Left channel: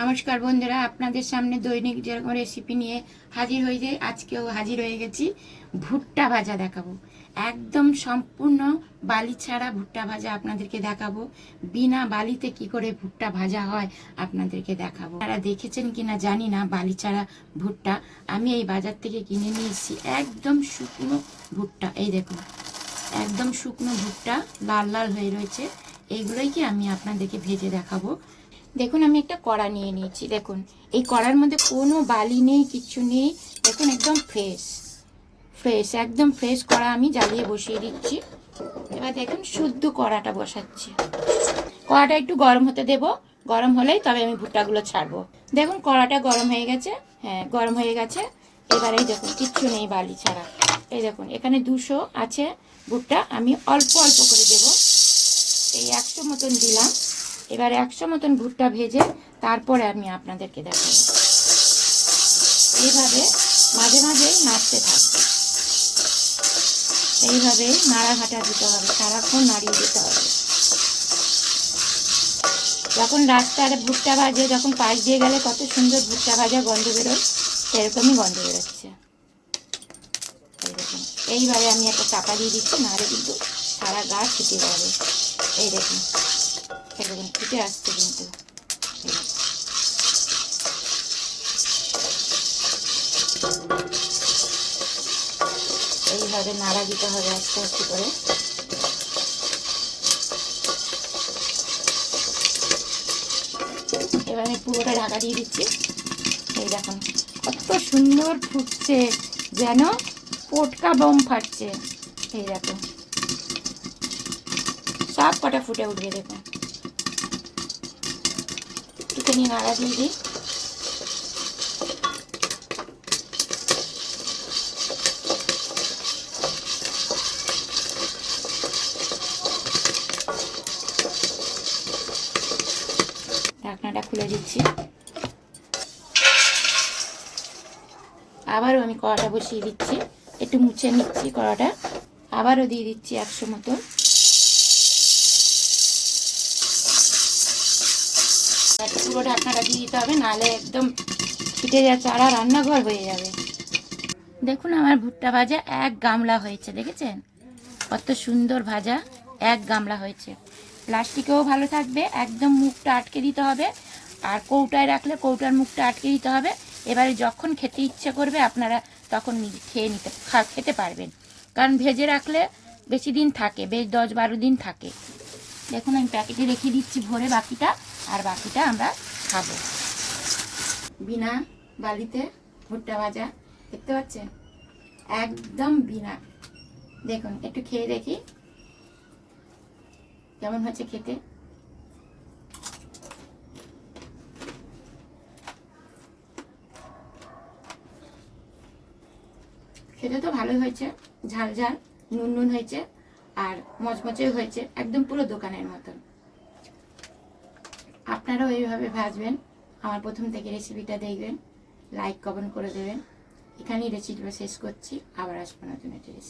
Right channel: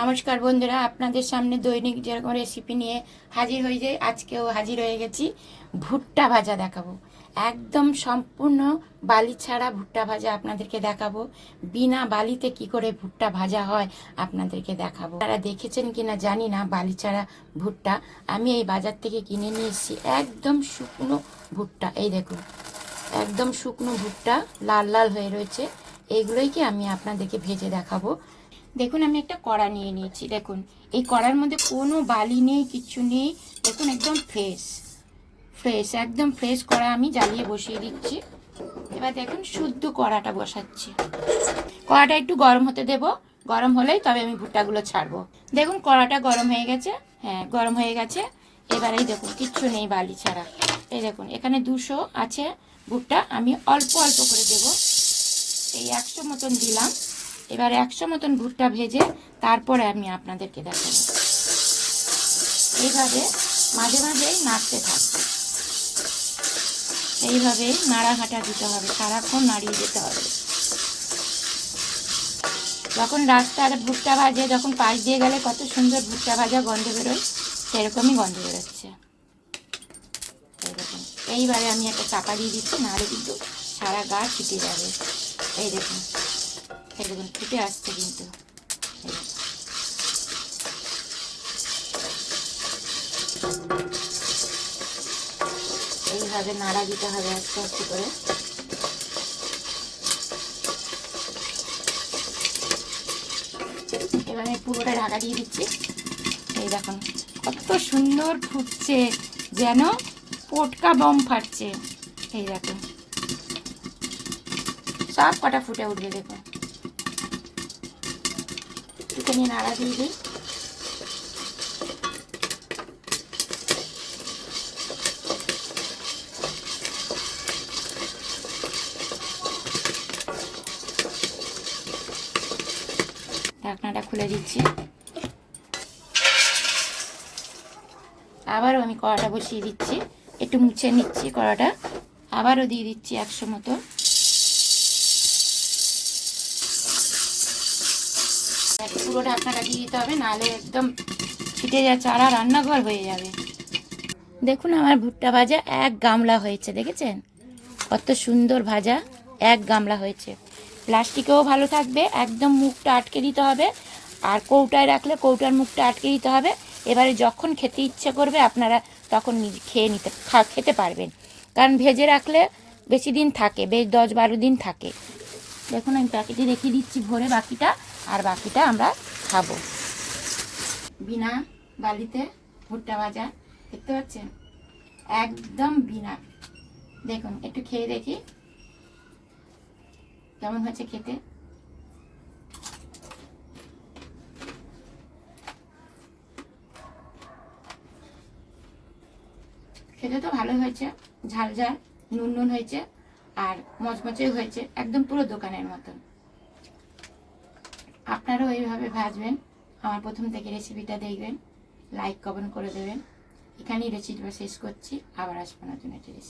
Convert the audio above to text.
নমস্কার বন্ধুরা, আপনাদের সামনে দৈনিক যেরকম রেসিপি নিয়ে হাজির হয়ে যায় আজকেও হাজির হয়ে গেছি, ভুট্টা ভাজা দেখাবো। একদম সম্পূর্ণ বালি ছাড়া ভুট্টা ভাজা আপনাদেরকে দেখাবো। বিনা বালিতে কি করে ভুট্টা ভাজা হয় আপনাদেরকে দেখাবো। তারা দেখেছেন কিনা জানি না বালি ছাড়া ভুট্টা। আমি এই বাজার থেকে কিনে নিয়ে এসেছি একদম শুকনো ভুট্টা। এই দেখুন, একদম শুকনো ভুট্টা, লাল লাল হয়ে রয়েছে। এইগুলোই কি আমি আপনাদেরকে ভেজে দেখাবো। দেখুন, আমি একটা কড়া নিয়ে নিয়েছি। দেখুন, এই কড়ার মধ্যে কোনো বালি নেই, কিচ্ছু নেই। দেখুন, একদম ফ্রেশ ফ্রেশ একদম ফ্রেশ কড়া আমি জ্বালিয়ে বসিয়ে দিচ্ছি। এবার দেখুন, শুদ্ধ কড়াটা বসাচ্ছি। কড়াটা একটু গরম হতে দেব। গরম হলেই তবে আমি ভুট্টাগুলো ছাড়বো। দেখুন, কড়াটা গরম হয়ে গেছে। হ্যাঁ গরম হয়ে গেছে। এবার এই দেখুন, কিচ্ছু নেই বালি ছাড়া। এই দেখুন, এখানে দুশো আছে ভুট্টা। আমি অল্প অল্প করে দেব। এই একশো মতন দিলাম। এবার একশো মতন ভুট্টা ভেজে তারপরে আমি আপনাদেরকে দেখাবো। এইভাবে মাঝে মাঝে নাড়তে থাকবে। এইভাবে নাড়াঘাটা দিতে হবে, সারাক্ষণ নাড়িয়ে দিতে হবে। যখন রাস্তার ভুট্টা ভাজে, যখন পাশ দিয়ে গেলে কত সুন্দর ভুট্টা ভাজা গন্ধ বেরোয়, সেরকমই গন্ধ বেরোচ্ছে। এইরকম। এইবারে আমি একটা চাপা দিয়ে দিচ্ছি, নাহলে কিন্তু সারা গা ছিটে যাবে। এই দেখুন। এই দেখুন ফুটে আসছে কিন্তু। এইভাবে নাড়া দিতে হবে আস্তে আস্তে করে। এবার আমি পুরোটা ঢাকা দিয়ে দিচ্ছি। এই দেখুন, কত সুন্দর ফুটছে, যেন পটকা বম ফাটছে। এই দেখুন, সব কটা ফুটে উঠবে দেখুন। একটুখানি নাড়া দিয়ে দিই। খুলে দিচ্ছি। আবারও আমি কড়াটা বসিয়ে দিচ্ছি। একটু মুছে নিচ্ছি কড়াটা। আবারও দিয়ে দিচ্ছি একশো মতো। পুরো ঢাকনাটা দিয়ে দিতে হবে, নাহলে একদম ফিটে যাচ্ছে আর রান্নাঘর হয়ে যাবে। দেখুন আমার ভুট্টা ভাজা এক গামলা হয়েছে, দেখেছেন? কত সুন্দর ভাজা, এক গামলা হয়েছে। প্লাস্টিকেও ভালো থাকবে, একদম মুখটা আটকে দিতে হবে। আর কৌটায় রাখলে কৌটার মুখটা আটকে দিতে হবে। এবারে যখন খেতে ইচ্ছে করবে, আপনারা তখন খেয়ে নিতে খেতে পারবেন। কারণ ভেজে রাখলে বেশি দিন থাকে, বেশ দশ বারো দিন থাকে। দেখুন, আমি প্যাকেটে রেখে দিচ্ছি ভরে বাকিটা। আর বাকিটা আমরা খাব। বিনা বালিতে ভুট্টা ভাজা, দেখতে পাচ্ছেন? একদম বিনা। দেখুন, একটু খেয়ে দেখি। কেমন হয়েছে খেতে? খেতে তো ভালো হয়েছে। ঝাল ঝাল, নুন নুন হয়েছে আর মচমচে হয়েছে। একদম পুরো দোকানের মতন। আপনারাও এইভাবে ভাজবেন। আমার প্রথম থেকে রেসিপিটা দেখবেন। লাইক কমেন্ট করে দেবেন। এখানেই রেসিপিটা শেষ করছি। আবার আসব নতুন একটা